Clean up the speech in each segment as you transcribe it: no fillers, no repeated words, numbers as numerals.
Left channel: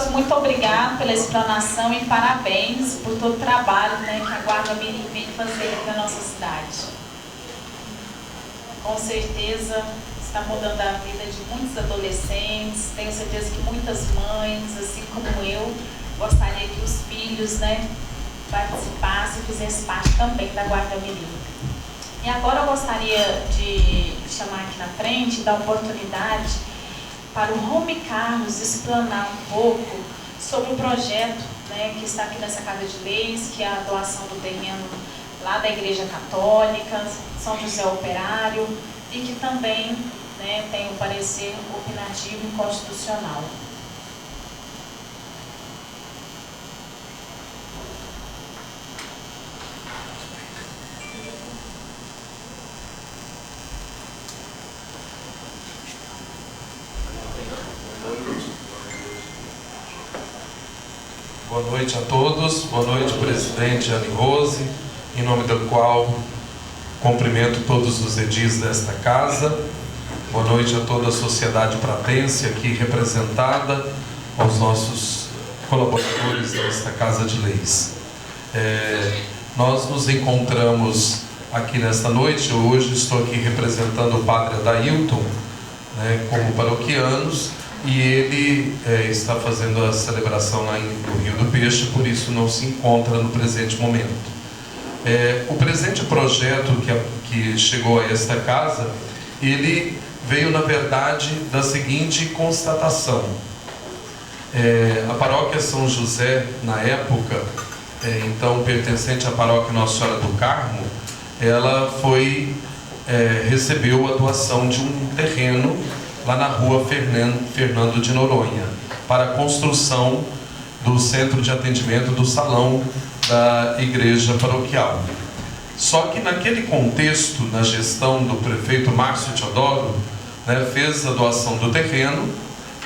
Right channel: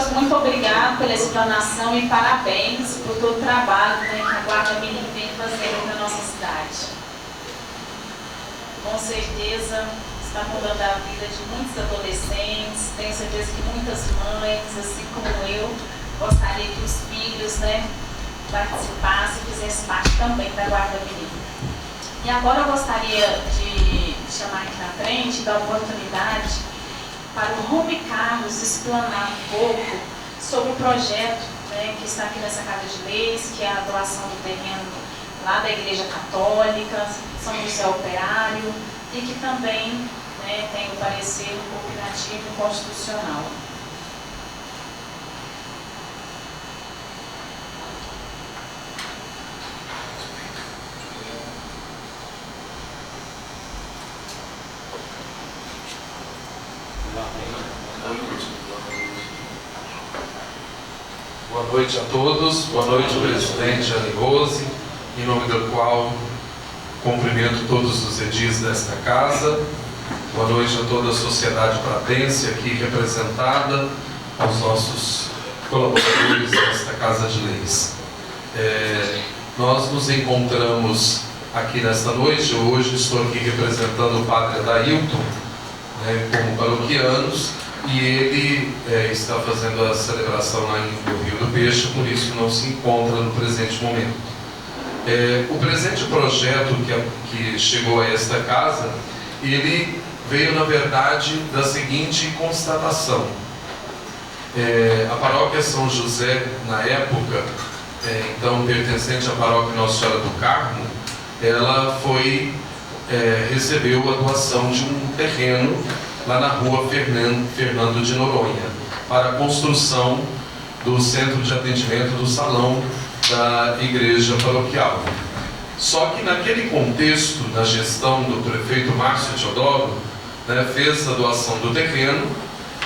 Religioso, muito obrigado pela explanação e parabéns por todo o trabalho, né, que a Guarda Mirim vem fazendo na nossa cidade. Com certeza está mudando a vida de muitos adolescentes, tenho certeza que muitas mães, assim como eu, gostaria que os filhos, né, participassem e fizessem parte também da Guarda Mirim. E agora eu gostaria de chamar aqui na frente, dar oportunidade para o Rumi Carlos explanar um pouco sobre o projeto, né, que está aqui nessa Casa de Leis, que é a doação do terreno lá da Igreja Católica, São José Operário, e que também, né, tem o parecer opinativo e constitucional. Boa noite a todos, boa noite presidente Anne Rose, em nome do qual cumprimento todos os edis desta casa. Boa noite a toda a sociedade pratense aqui representada, aos nossos colaboradores desta Casa de Leis. Nós nos encontramos aqui nesta noite, hoje estou aqui representando o padre Adailton, né, como paroquianos, e ele está fazendo a celebração lá no Rio do Peixe, por isso não se encontra no presente momento. O presente projeto que chegou a esta casa, ele veio na verdade da seguinte constatação. A paróquia São José, na época, então pertencente à paróquia Nossa Senhora do Carmo, ela recebeu a doação de um terreno lá na rua Fernando de Noronha, para a construção do centro de atendimento do salão da igreja paroquial. Só que naquele contexto, na gestão do prefeito Márcio Teodoro, né, fez a doação do terreno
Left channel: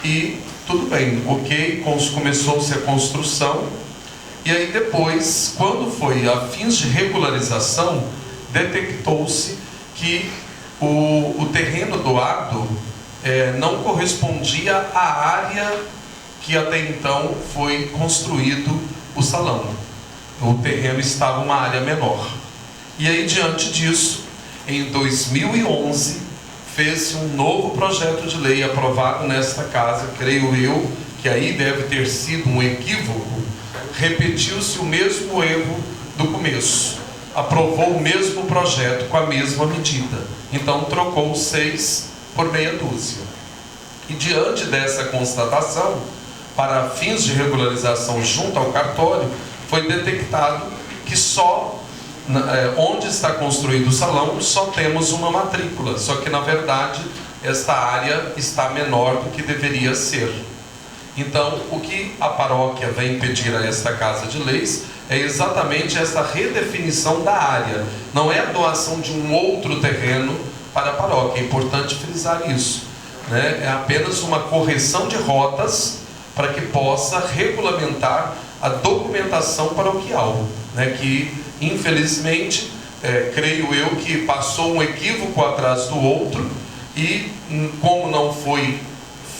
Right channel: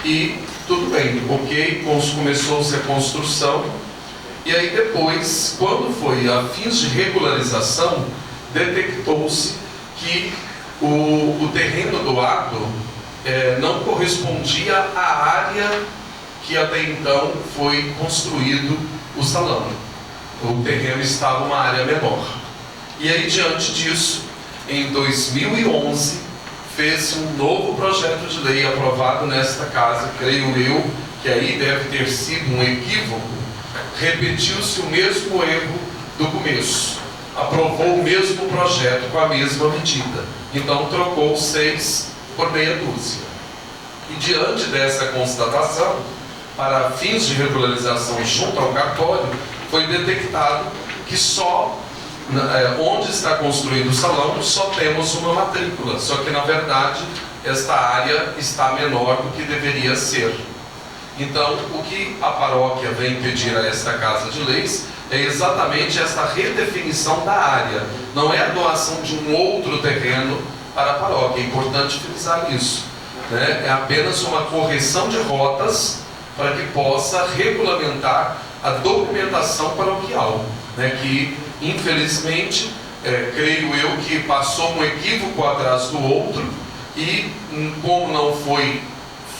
e tudo bem, ok, começou-se a construção, e aí depois, quando foi a fins de regularização, detectou-se que o terreno doado não correspondia à área que até então foi construído o salão. O terreno estava uma área menor. E aí, diante disso, em 2011, fez-se um novo projeto de lei aprovado nesta casa, creio eu, que aí deve ter sido um equívoco, repetiu-se o mesmo erro do começo. Aprovou o mesmo projeto com a mesma medida. Então, trocou 6 por meia dúzia. E diante dessa constatação, para fins de regularização junto ao cartório, foi detectado que só onde está construído o salão só temos uma matrícula, só que na verdade esta área está menor do que deveria ser. Então, o que a paróquia vem pedir a esta Casa de Leis é exatamente esta redefinição da área. Não é a doação de um outro terreno para a paróquia, é importante frisar isso, né? É apenas uma correção de rotas para que possa regulamentar a documentação paroquial, né? Que infelizmente, creio eu que passou um equívoco atrás do outro e como não foi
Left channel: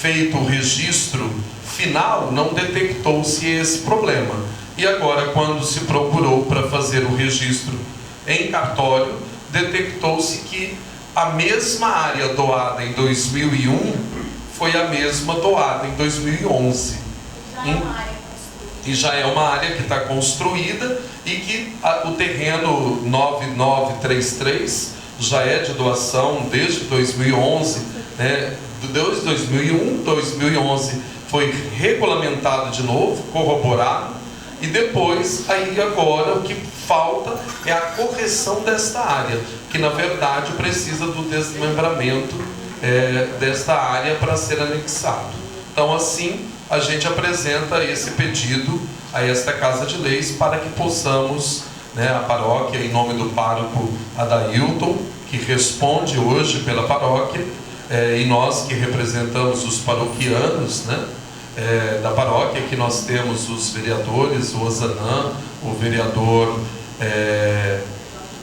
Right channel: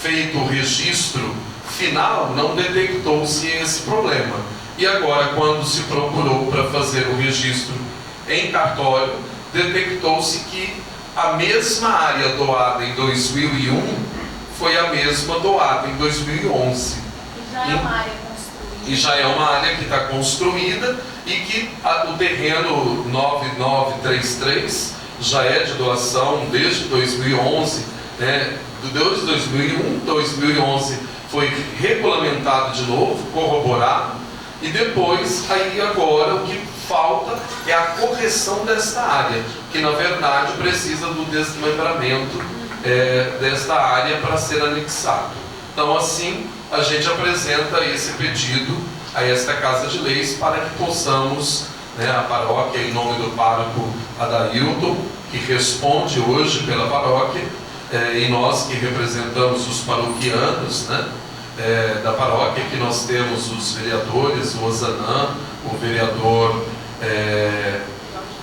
feito o registro final, não detectou-se esse problema. E agora, quando se procurou para fazer o registro em cartório, detectou-se que a mesma área doada em 2001 foi a mesma doada em 2011. Já é uma área construída. E já é uma área que está construída e que o terreno 9933 já é de doação desde 2011, né? Desde 2001, 2011 foi regulamentado de novo, corroborado, e depois, aí agora, o que falta é a correção desta área, que na verdade precisa do desmembramento desta área para ser anexado. Então assim, a gente apresenta esse pedido a esta Casa de Leis para que possamos, né, a paróquia, em nome do pároco Adailton, que responde hoje pela paróquia, e nós que representamos os paroquianos, né, da paróquia, que nós temos os vereadores, o Ozanam, o vereador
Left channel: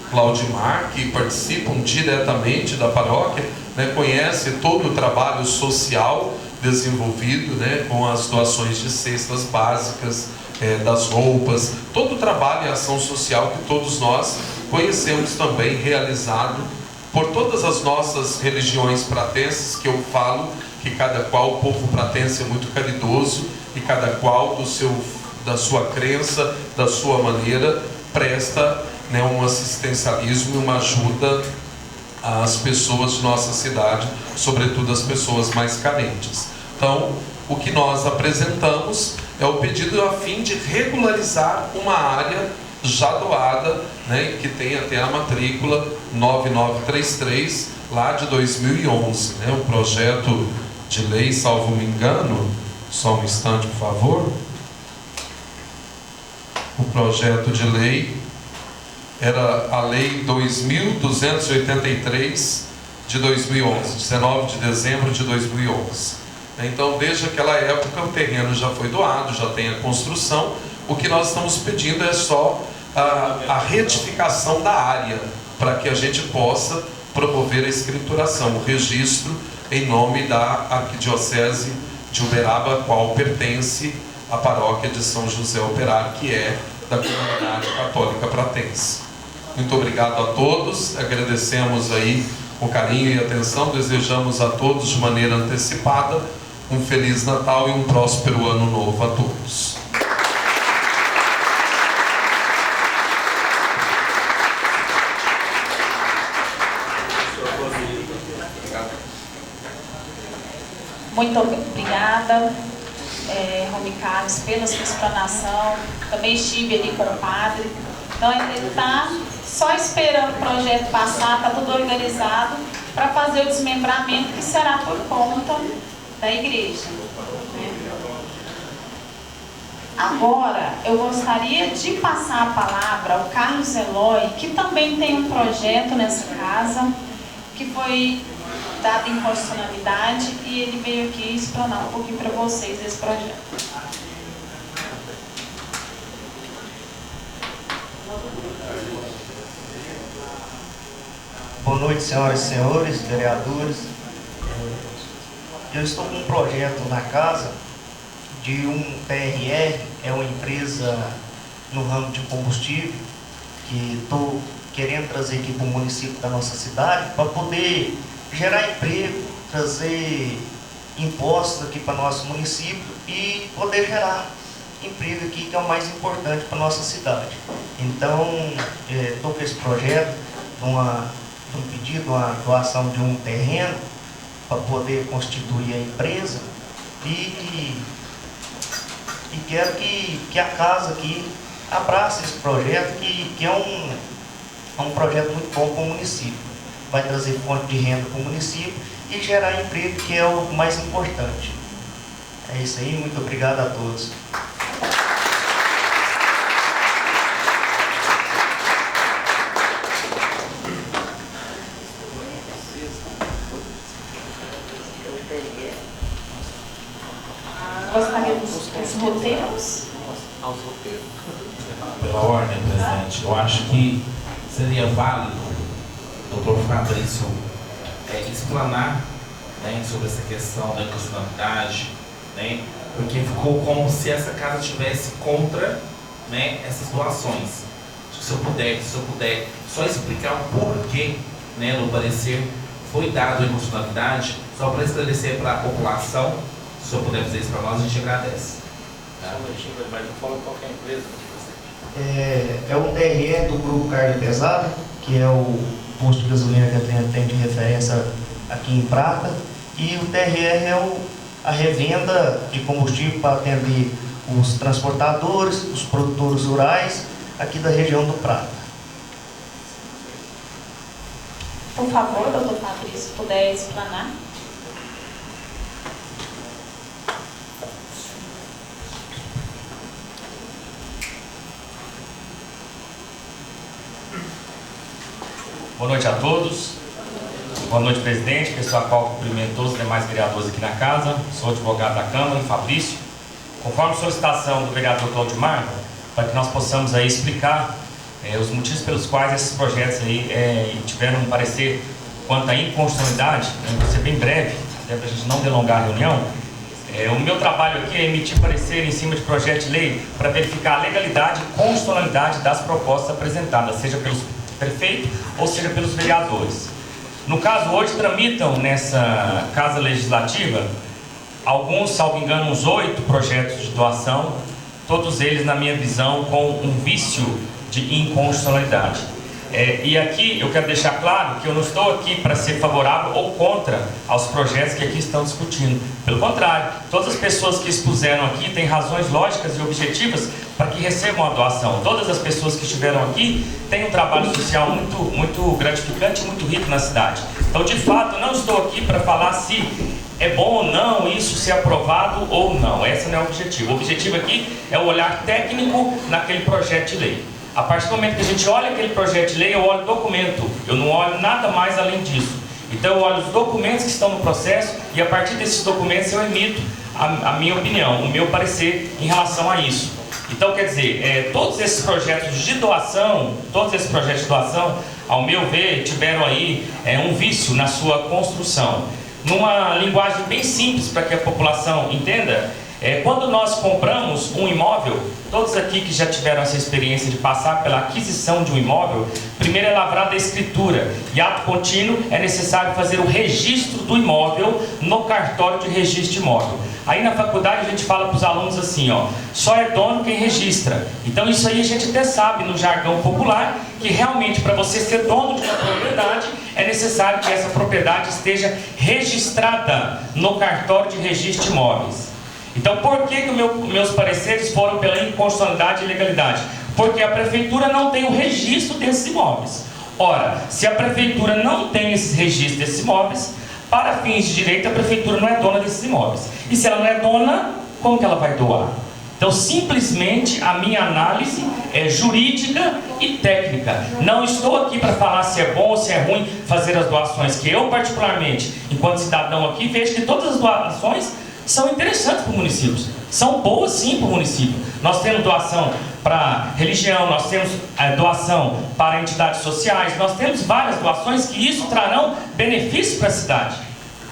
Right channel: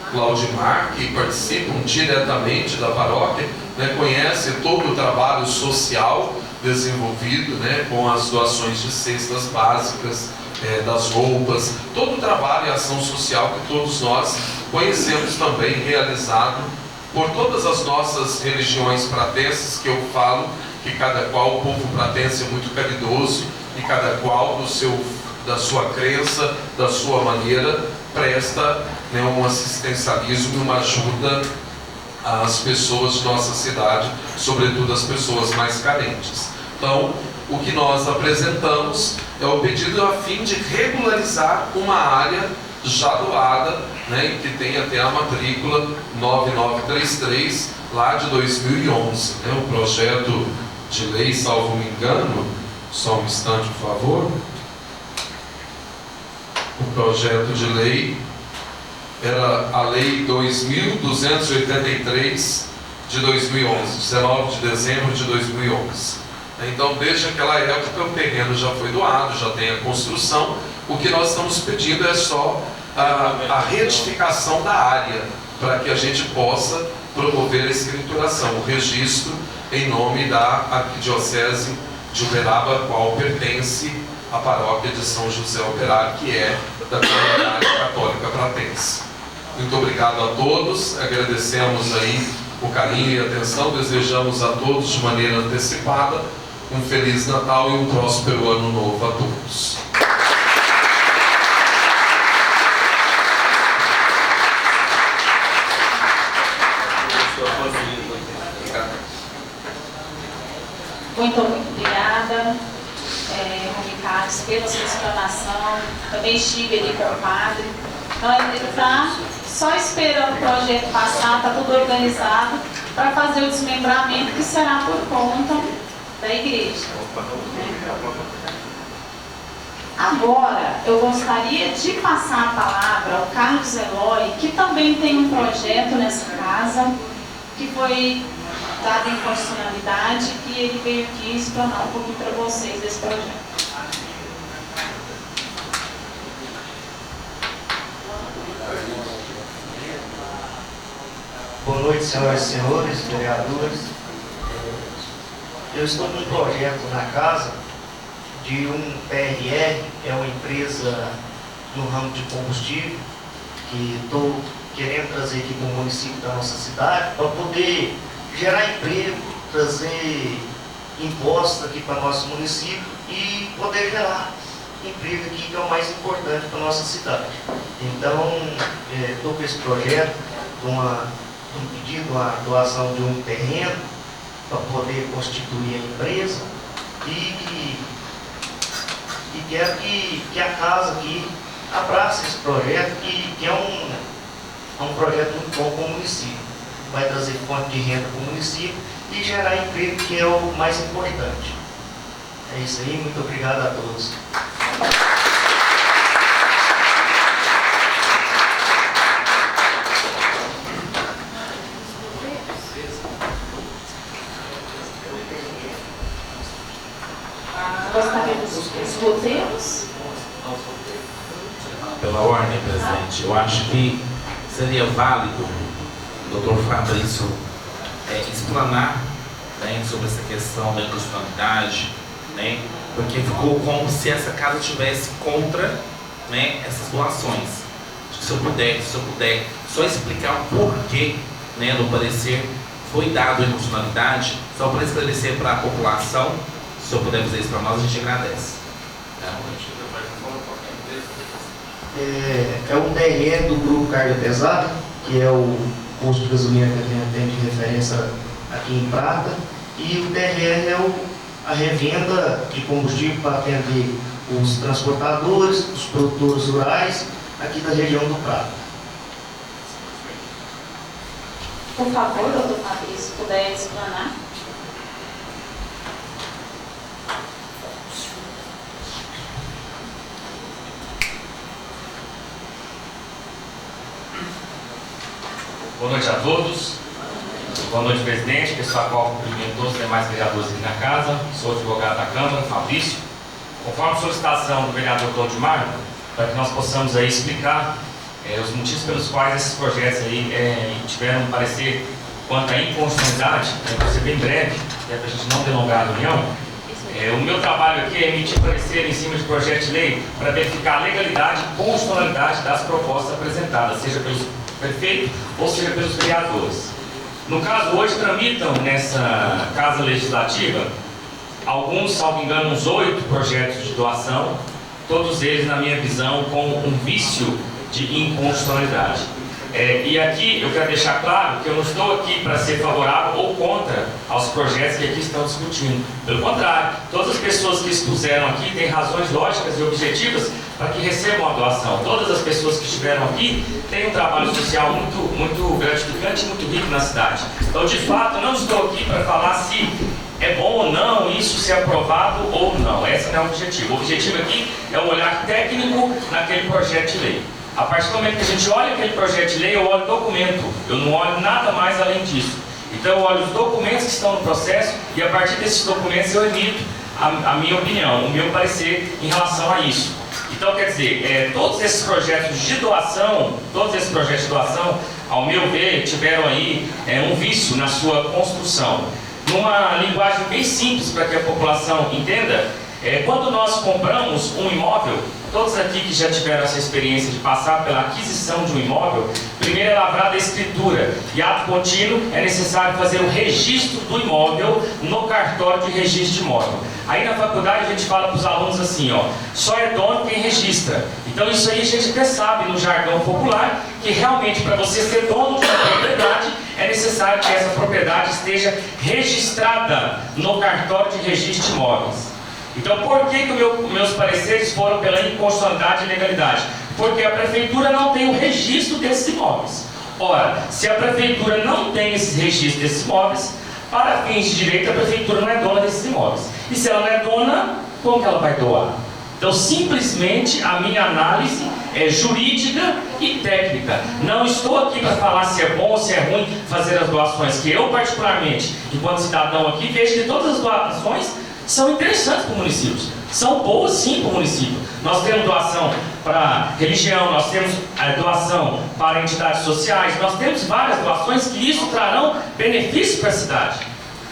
Claudimar, que participam diretamente da paróquia, né, conhece todo o trabalho social desenvolvido, né, com as doações de cestas básicas, das roupas, todo o trabalho e ação social que todos nós conhecemos também, realizado por todas as nossas religiões pratenses, que eu falo que cada qual, o povo pratense é muito caridoso, e cada qual da sua crença, da sua maneira, presta, né, um assistencialismo e uma ajuda às pessoas de nossa cidade, sobretudo as pessoas mais carentes. Então, o que nós apresentamos é o pedido a fim de regularizar uma área já doada, né, que tem até a matrícula 9933, lá de 2011. Né, o projeto de lei, salvo me engano, só um instante, por favor. O projeto de lei era a Lei 2.283 de 2011, 19 de dezembro de 2011. Então, desde aquela época, o terreno já foi doado, já tem a construção. O que nós estamos pedindo é só a retificação da área, para que a gente possa promover a escrituração, o registro em nome da Arquidiocese de Uberaba, a qual pertence a paróquia de São José Operário, que é da comunidade católica pratense. Muito obrigado a todos, agradecemos aí o carinho e a atenção, desejamos a todos de maneira antecipada um Feliz Natal e um próspero Ano Novo a todos. Muito obrigada, Rony Carlos, pela sua explanação. Também estive ali com o padre. Então, ele está só esperando o projeto passar, está tudo organizado para fazer o desmembramento, que será por conta da igreja. Agora, eu gostaria de passar a palavra ao Carlos Eloy, que também tem um projeto nessa casa, que foi dado em constitucionalidade, e ele veio aqui explanar um pouquinho para vocês desse projeto. Boa noite, senhoras e senhores, vereadores. Eu estou com um projeto na casa de um TRR, é uma empresa no ramo de combustível, que estou querendo trazer aqui para o município da nossa cidade, para poder gerar emprego, trazer impostos aqui para o nosso município e poder gerar emprego aqui, que é o mais importante para a nossa cidade. Então, estou com esse projeto, um pedido, uma doação de um terreno para poder constituir a empresa e quero que a casa aqui abrace esse projeto, que é um projeto muito bom para o município. Vai trazer fonte de renda para o município e gerar emprego, que é o mais importante. É isso aí, muito obrigado a todos. Gostaríamos dos roteiros? Pela ordem, presidente, eu acho que seria válido o doutor Fabrício explanar, né, sobre essa questão da inconstitucionalidade, né, porque ficou como se essa casa estivesse contra, né, essas doações. Se eu puder só explicar o porquê, né, no parecer foi dado a inconstitucionalidade, só para esclarecer para a população. Se eu puder fazer isso para nós, a gente agradece. É um TRE do Grupo Carga Pesada, que é o posto de gasolina que tem de referência aqui em Prata, e o TRE é a revenda de combustível para atender os transportadores, os produtores rurais aqui da região do Prata. Por favor, doutor Fabrício, se puder explanar. Boa noite a todos. Boa noite, presidente, pessoal, qual cumprimento todos os demais vereadores aqui na casa. Sou advogado da Câmara, Fabrício. Conforme solicitação do vereador Claudimar, para que nós possamos aí explicar os motivos pelos quais esses projetos aí tiveram um parecer quanto à inconstitucionalidade, vai ser bem breve, até para a gente não delongar a reunião, O meu trabalho aqui é emitir parecer em cima de projeto de lei para verificar a legalidade e constitucionalidade das propostas apresentadas, seja pelos prefeitos ou seja pelos vereadores. No caso, hoje tramitam nessa Casa Legislativa alguns, salvo engano, uns 8 projetos de doação, todos eles, na minha visão, com um vício de inconstitucionalidade. E aqui eu quero deixar claro que eu não estou aqui para ser favorável ou contra aos projetos que aqui estão discutindo. Pelo contrário, todas as pessoas que expuseram aqui têm razões lógicas e objetivas para que recebam a doação. Todas as pessoas que estiveram aqui têm um trabalho social muito gratificante e muito rico na cidade. Então, de fato, eu não estou aqui para falar se é bom ou não isso ser aprovado ou não. Esse não é o objetivo. O objetivo aqui é o olhar técnico naquele projeto de lei. A partir do momento que a gente olha aquele projeto de lei, eu olho o documento, eu não olho nada mais além disso. Então eu olho os documentos que estão no processo e a partir desses documentos eu emito a minha opinião, o meu parecer em relação a isso. Então quer dizer, todos esses projetos de doação, ao meu ver, tiveram aí um vício na sua construção. Numa linguagem bem simples para que a população entenda, quando nós compramos um imóvel, todos aqui que já tiveram essa experiência de passar pela aquisição de um imóvel, primeiro é lavrada a escritura e ato contínuo é necessário fazer o registro do imóvel no cartório de registro de imóvel. Aí na faculdade a gente fala para os alunos assim, só é dono quem registra. Então isso aí a gente até sabe no jargão popular que realmente para você ser dono de uma propriedade é necessário que essa propriedade esteja registrada no cartório de registro de imóveis. Então, por que meus pareceres foram pela inconstitucionalidade e legalidade? Porque a prefeitura não tem o registro desses imóveis. Ora, se a prefeitura não tem esse registro desses imóveis, para fins de direito, a prefeitura não é dona desses imóveis. E se ela não é dona, como que ela vai doar? Então, simplesmente, a minha análise é jurídica e técnica. Não estou aqui para falar se é bom ou se é ruim fazer as doações, que eu, particularmente, enquanto cidadão aqui, vejo que todas as doações são interessantes para o município, são boas sim para o município. Nós temos doação para religião, nós temos doação para entidades sociais, nós temos várias doações que isso trarão benefícios para a cidade.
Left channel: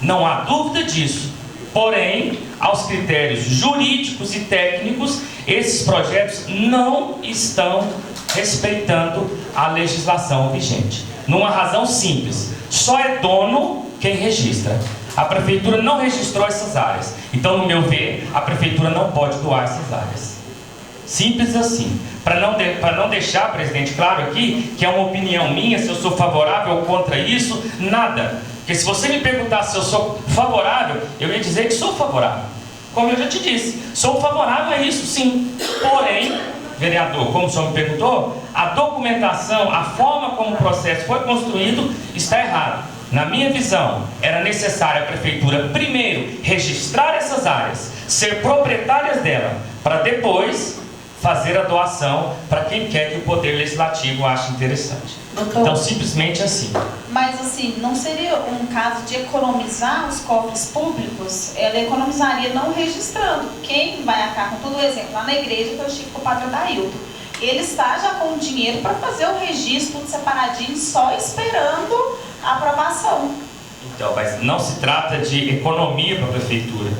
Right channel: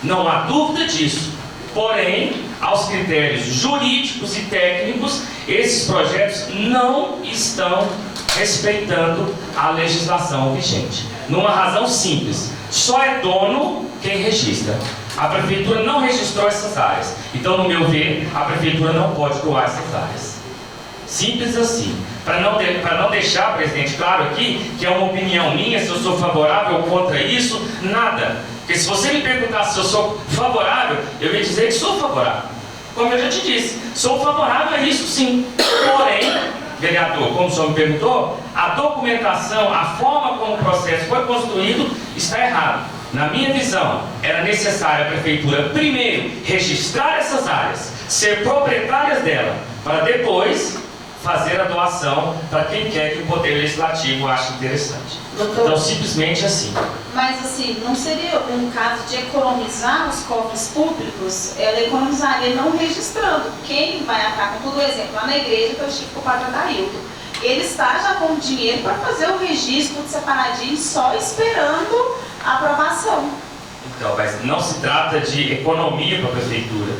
Não há dúvida disso. Porém, aos critérios jurídicos e técnicos, esses projetos não estão respeitando a legislação vigente. Numa razão simples, só é dono quem registra. A prefeitura não registrou essas áreas. Então, no meu ver, a prefeitura não pode doar essas áreas. Simples assim. Para não deixar, presidente, claro aqui, que é uma opinião minha, se eu sou favorável ou contra isso, nada. Porque se você me perguntasse se eu sou favorável, eu ia dizer que sou favorável. Como eu já te disse, sou favorável a isso sim. Porém, vereador, como o senhor me perguntou, a documentação, a forma como o processo foi construído está errado. Na minha visão, era necessário a prefeitura primeiro registrar essas áreas, ser proprietárias dela, para depois fazer a doação para quem quer que o Poder Legislativo ache interessante. Doutor, então, simplesmente assim. Mas assim, não seria um caso de economizar os cofres públicos? Ela economizaria não registrando. Quem vai atar com todo o exemplo, lá na igreja que eu estive com o padre Adailton, ele está já com o dinheiro para fazer o registro tudo separadinho, só esperando a aprovação. Então, mas não se trata de economia para a prefeitura.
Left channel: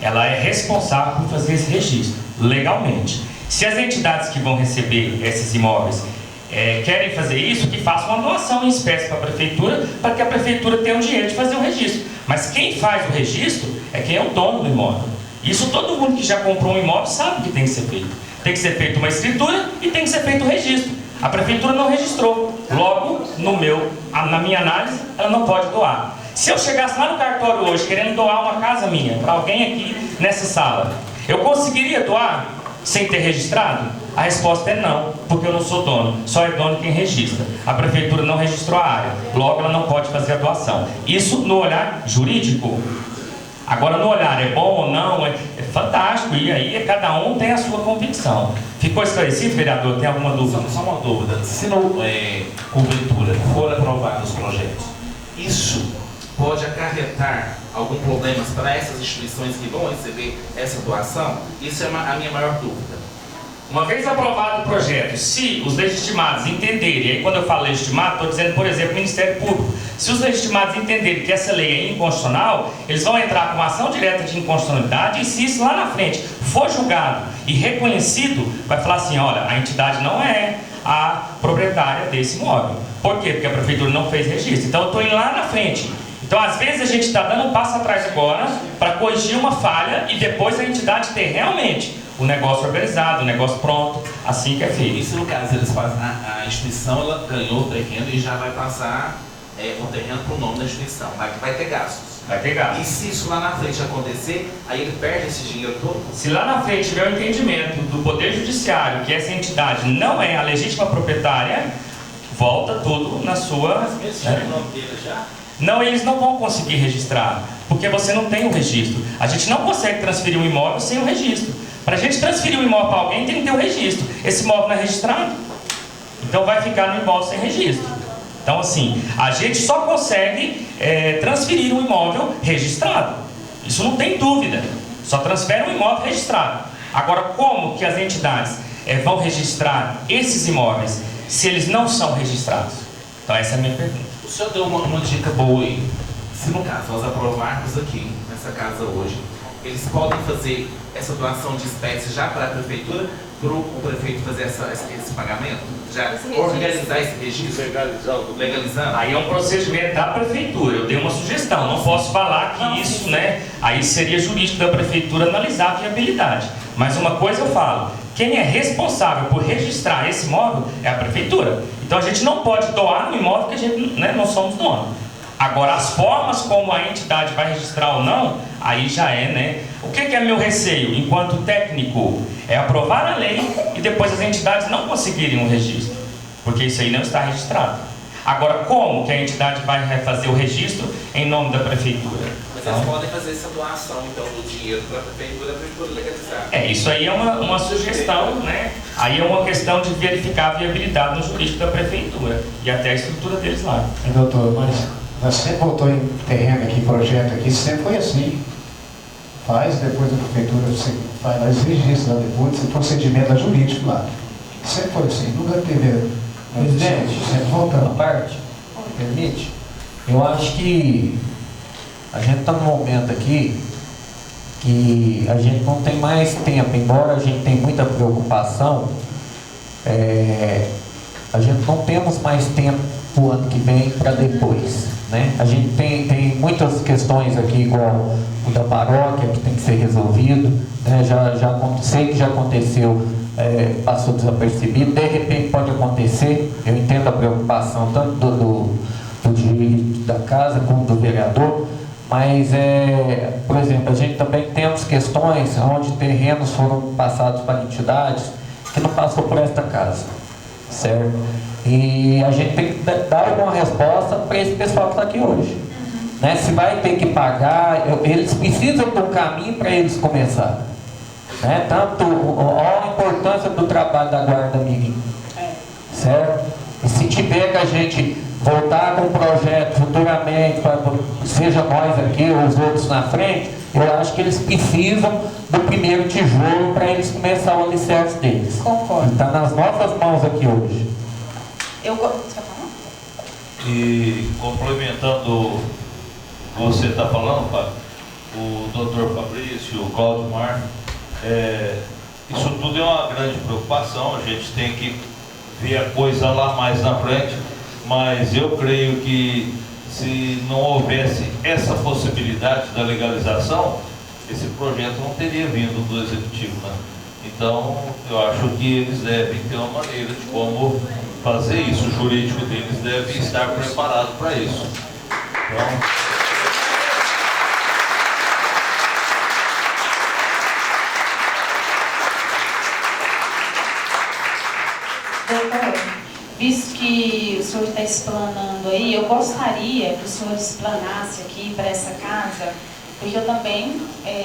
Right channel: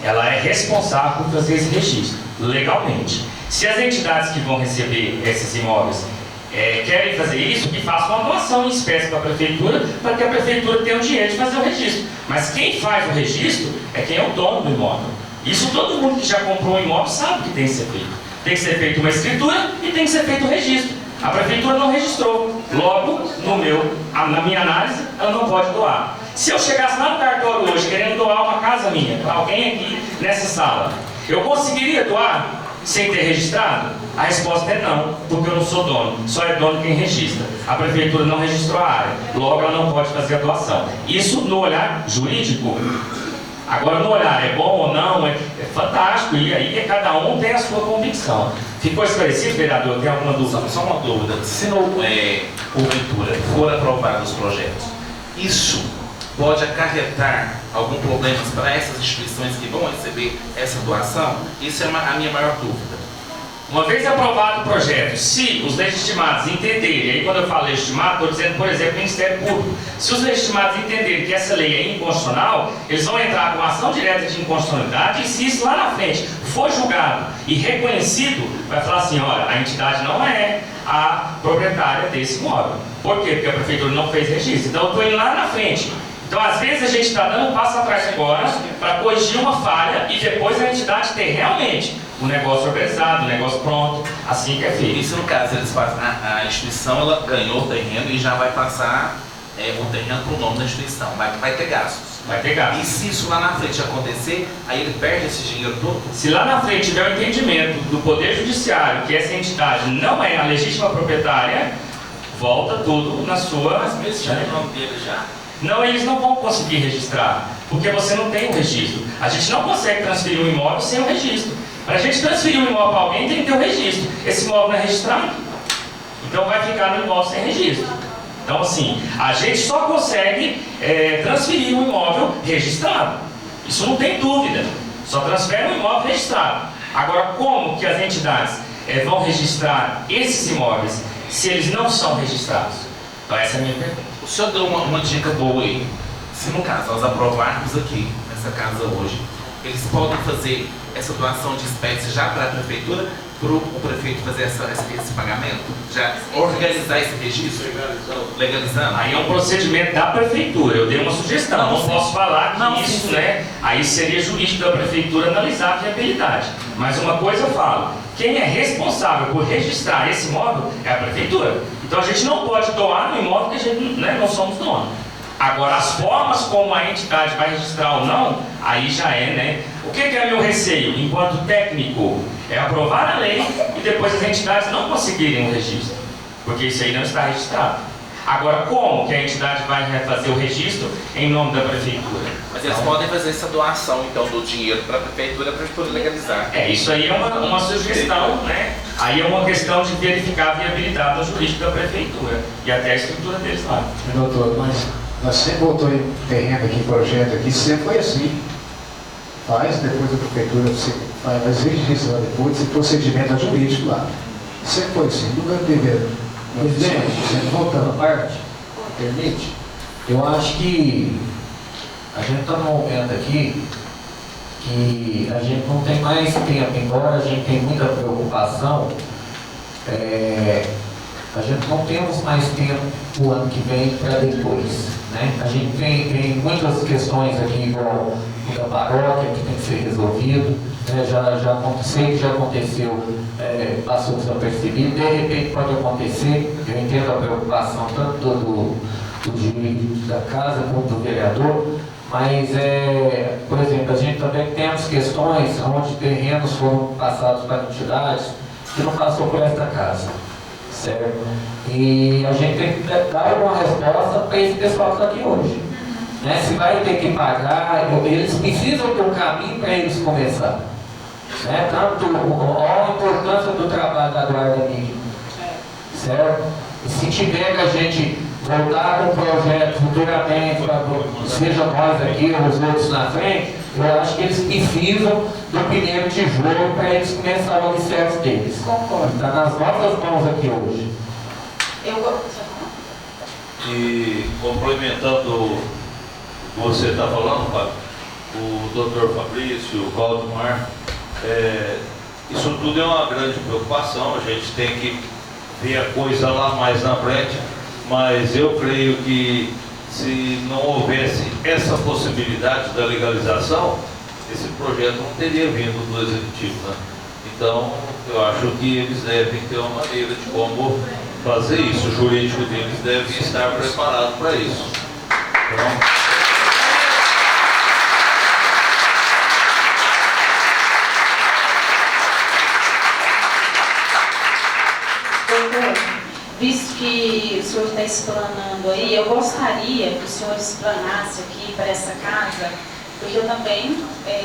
Ela é responsável por fazer esse registro, legalmente. Se as entidades que vão receber esses imóveis querem fazer isso, que façam uma doação em espécie para a prefeitura, para que a prefeitura tenha o dinheiro de fazer o registro. Mas quem faz o registro é quem é o dono do imóvel. Isso todo mundo que já comprou um imóvel sabe que tem que ser feito. Tem que ser feita uma escritura e tem que ser feito o registro. A prefeitura não registrou. Logo, na minha análise, ela não pode doar. Se eu chegasse lá no cartório hoje querendo doar uma casa minha para alguém aqui nessa sala, eu conseguiria doar sem ter registrado? A resposta é não, porque eu não sou dono. Só é dono quem registra. A prefeitura não registrou a área. Logo, ela não pode fazer a doação. Isso no olhar jurídico. Agora, no olhar, é bom ou não, é fantástico, e aí cada um tem a sua convicção. Ficou esclarecido, vereador? Tem alguma dúvida? Só uma dúvida. Se não, porventura, for aprovado os projetos, isso pode acarretar algum problema para essas instituições que vão receber essa doação? Isso é a minha maior dúvida. Uma vez aprovado o projeto, se os legitimados entenderem, e aí quando eu falo legitimado, estou dizendo, por exemplo, o Ministério Público, Se os legitimados entenderem que essa lei é inconstitucional, eles vão entrar com ação direta de inconstitucionalidade, e se isso lá na frente for julgado e reconhecido, vai falar assim, olha, a entidade não é a proprietária desse imóvel. Por quê? Porque a prefeitura não fez registro. Então eu estou indo lá na frente. Então às vezes a gente está dando um passo atrás agora para corrigir uma falha e depois a entidade ter realmente o negócio organizado, o negócio pronto, assim que é feito. Isso no caso, eles fazem, a instituição ela ganhou o terreno e já vai passar o terreno para o nome da instituição, vai ter gastos. Vai ter gastos. E se isso lá na frente acontecer, aí ele perde esse dinheiro todo? Se lá na frente tiver o entendimento do Poder Judiciário que essa entidade não é a legítima proprietária, volta tudo na sua... Mas mesmo já no nome dele já? Não, eles não vão conseguir registrar, porque você não tem o registro. A gente não consegue transferir um imóvel sem o registro. Para a gente transferir um imóvel para alguém, tem que ter o registro. Esse imóvel não é registrado, então vai ficar no imóvel sem registro. Então, assim, a gente só consegue transferir um imóvel registrado. Isso não tem dúvida. Só transfere um imóvel registrado. Agora, como que as entidades vão registrar esses imóveis se eles não são registrados? Então, essa é a minha pergunta. O senhor deu uma dica boa aí. Se no caso nós aprovarmos aqui, nessa casa hoje, eles podem fazer essa doação de espécies já para a prefeitura, para o prefeito fazer esse pagamento? Já organizar esse registro? Legalizando? Aí é um procedimento da prefeitura. Eu dei uma sugestão, não posso falar que isso, né? Aí seria jurídico da prefeitura analisar a viabilidade. Mas uma coisa eu falo, quem é responsável por registrar esse imóvel é a prefeitura. Então a gente não pode doar no imóvel que a gente, né, não somos donos. Agora, as formas como a entidade vai registrar ou não, aí já é, né? O que é meu receio, enquanto técnico? É aprovar a lei e depois as entidades não conseguirem um registro, porque isso aí não está registrado. Agora, como que a entidade vai fazer o registro em nome da prefeitura? Mas eles podem fazer essa doação, então, do dinheiro para a prefeitura legalizar. Isso aí é uma sugestão, né? Aí é uma questão de verificar a viabilidade do jurídico da prefeitura e até a estrutura deles lá. Doutor, mas nós sempre voltou em terreno aqui, projeto aqui, sempre foi assim. Faz, depois da prefeitura, você faz registro depois, esse procedimento é jurídico lá. Sempre foi assim, nunca teve. Presidente, sempre voltando. a parte, permite? Eu acho que a gente está num momento aqui que a gente não tem mais tempo, embora a gente tenha muita preocupação, a gente não temos mais tempo o ano que vem para depois, né? A gente tem muitas questões aqui, igual o da paróquia, que tem que ser resolvido, né? Já aconteceu, passou desapercebido, de repente pode acontecer. Eu entendo a preocupação tanto do direito da casa como do vereador, mas, por exemplo, a gente também temos questões onde terrenos foram passados para entidades que não passou por esta casa, certo? E a gente tem que dar uma resposta para esse pessoal que está aqui hoje, né? Se vai ter que pagar, eles precisam do caminho para eles começar, né? Tanto a importância do trabalho da Guarda Mínima, certo? E se tiver a gente voltar com um projeto futuramente, seja nós aqui ou os outros na frente, eu acho que eles precisam do primeiro tijolo para eles começar o alicerce deles. Concordo. Está nas nossas mãos aqui hoje. E complementando o que você está falando, Fábio, o doutor Fabrício, o Valdemar, isso tudo é uma grande preocupação. A gente tem que ver a coisa lá mais na frente, mas eu creio que se não houvesse essa possibilidade da legalização, esse projeto não teria vindo do Executivo, né? Então, eu acho que eles devem ter uma maneira de como fazer isso. O jurídico deles deve estar preparado para isso. Doutor, visto que o senhor está explanando aí, eu gostaria que o senhor explanasse aqui para essa casa, porque eu também,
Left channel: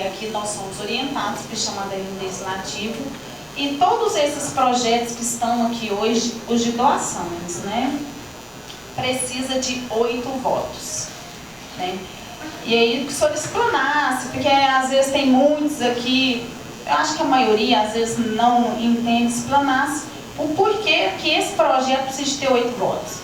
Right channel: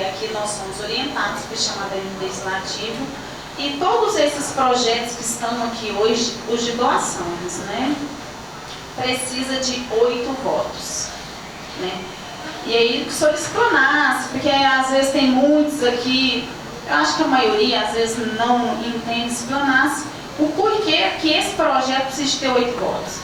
aqui nós somos orientados para chamada legislativo, e todos esses projetos que estão aqui hoje, os de doações, né, precisa de 8 votos, né? E aí que o senhor explanasse, porque às vezes tem muitos aqui, eu acho que a maioria às vezes não entende, explanasse o porquê que esse projeto precisa ter 8 votos.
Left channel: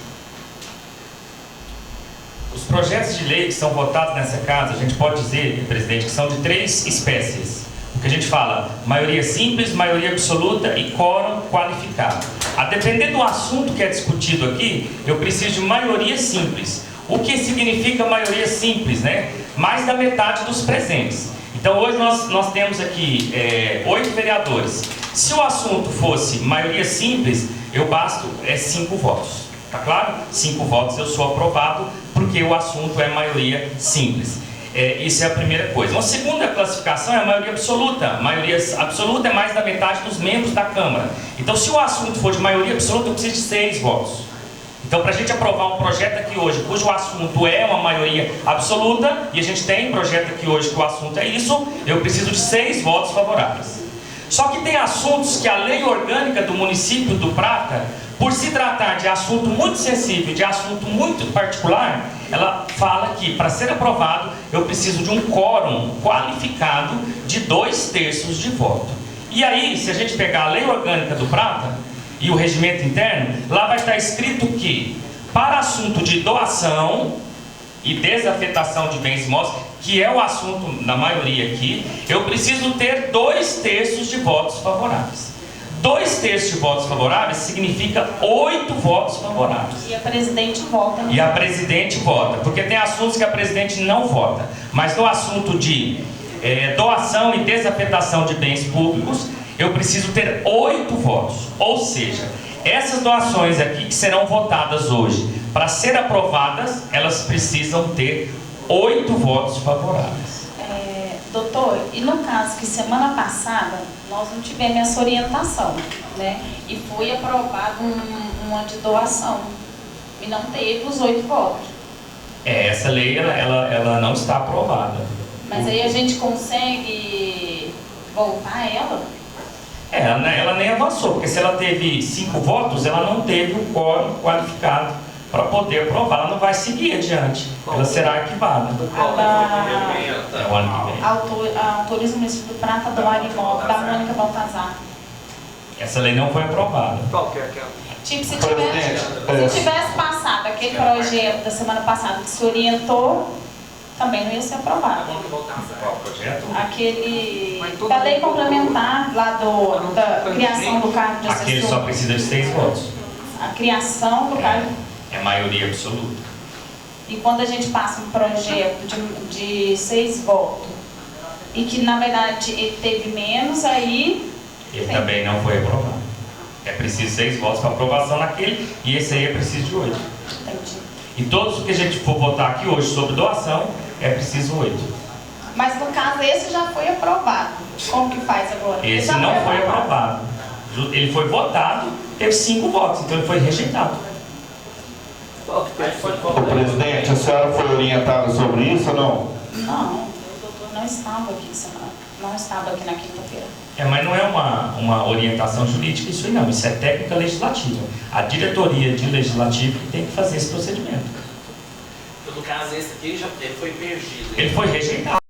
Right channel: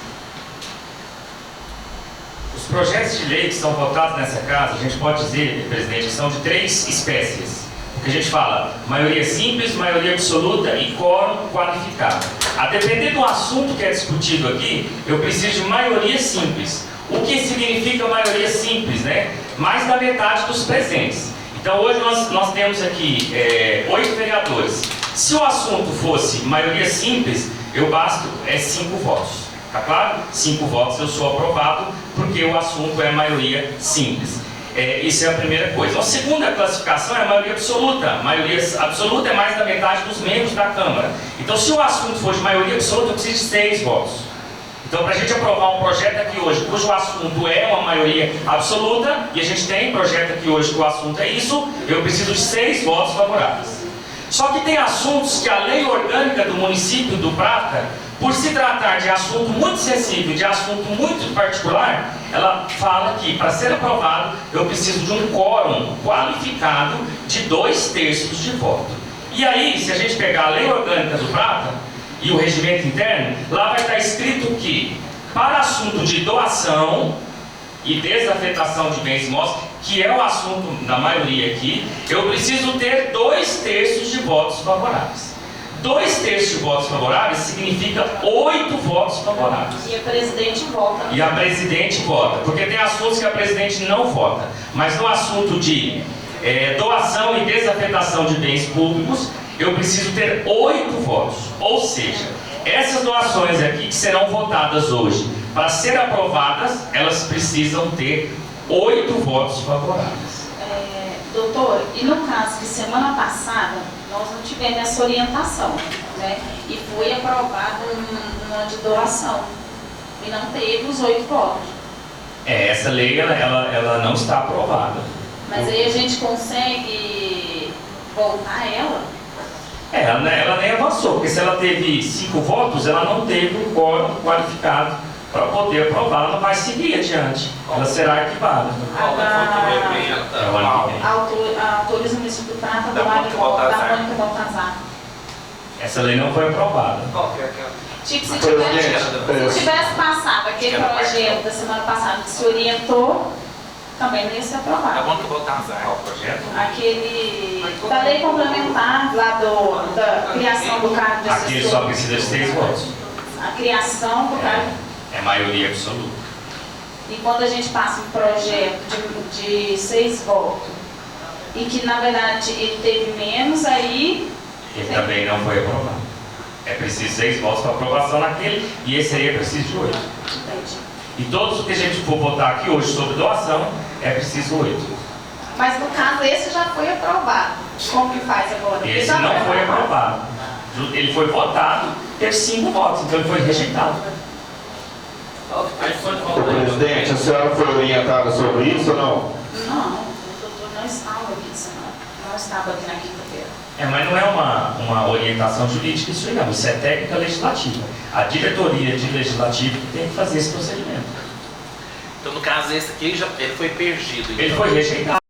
Os projetos de lei que são votados nessa casa, a gente pode dizer, presidente, que são de 3 espécies. O que a gente fala, maioria simples, maioria absoluta e quórum qualificado. A depender do assunto que é discutido aqui, eu preciso de maioria simples. O que significa maioria simples, né? Mais da metade dos presentes. Então hoje nós temos aqui 8 vereadores. Se o assunto fosse maioria simples, eu basto 5 votos. Tá claro? 5 votos eu sou aprovado, porque o assunto é maioria simples. Isso é a primeira coisa. A segunda classificação é a maioria absoluta. A maioria absoluta é mais da metade dos membros da Câmara. Então, se o assunto for de maioria absoluta, eu preciso de 6 votos. Então, para a gente aprovar um projeto aqui hoje, cujo assunto é uma maioria absoluta, e a gente tem um projeto aqui hoje que o assunto é isso, eu preciso de 6 votos favoráveis. Só que tem assuntos que a lei orgânica do município do Prata, por se tratar de assunto muito sensível, de assunto muito particular, ela fala que para ser aprovado eu preciso de um quórum qualificado de 2/3 de voto. E aí, se a gente pegar a lei orgânica do Prata e o regimento interno, lá vai estar escrito que para assunto de doação e desafetação de bens imóveis, que é o assunto da maioria aqui, eu preciso ter 2/3 de votos favoráveis. 2/3 de votos favoráveis significa 8 votos favoráveis. E a presidente vota. E a presidente vota, porque tem assuntos que a presidente não vota. Mas no assunto de doação e desafetação de bens públicos, eu preciso ter 8 votos. Ou seja, essas doações aqui que serão votadas hoje, para ser aprovadas, elas precisam ter 8 votos favoráveis. Doutor, e no caso que semana passada nós não tivemos essa orientação, né? E foi aprovado uma de doação e não teve os 8 votos. Essa lei ela não está aprovada. Mas aí a gente consegue voltar ela? Ela nem avançou, porque se ela teve 5 votos, ela não teve um quórum qualificado para poder aprovar, ela não vai seguir adiante. Ela será arquivada. Autoriza o município do Prata da Mônica Baltazar. Essa lei não foi aprovada. Tipo, se tivesse passado aquele projeto da semana passada que se orientou, também não ia ser aprovado. Qual projeto? Aquele da lei complementar lá da criação do cargo de assessor. Aquele só precisa de 6 votos. A criação do cargo. É maioria absoluta. E quando a gente passa um projeto de 6 votos e que na verdade ele teve menos, aí Ele também não foi aprovado. É preciso 6 votos para aprovação naquele, e esse aí é preciso de 8. entendi. E todos os que a gente for votar aqui hoje sobre doação, é preciso 8. Mas no caso esse já foi aprovado. Como que faz agora? Esse não foi aprovado. Ele foi votado, teve 5 votos, então ele foi rejeitado. Presidente, a senhora foi orientada sobre isso ou não? Não, o doutor não estava aqui semana. Não estava aqui na quinta-feira. Mas não é uma orientação jurídica isso aí não, isso é técnica legislativa. A diretoria de legislativo que tem que fazer esse procedimento. Então, no caso, esse aqui ele foi perdido. Ele foi rejeitado.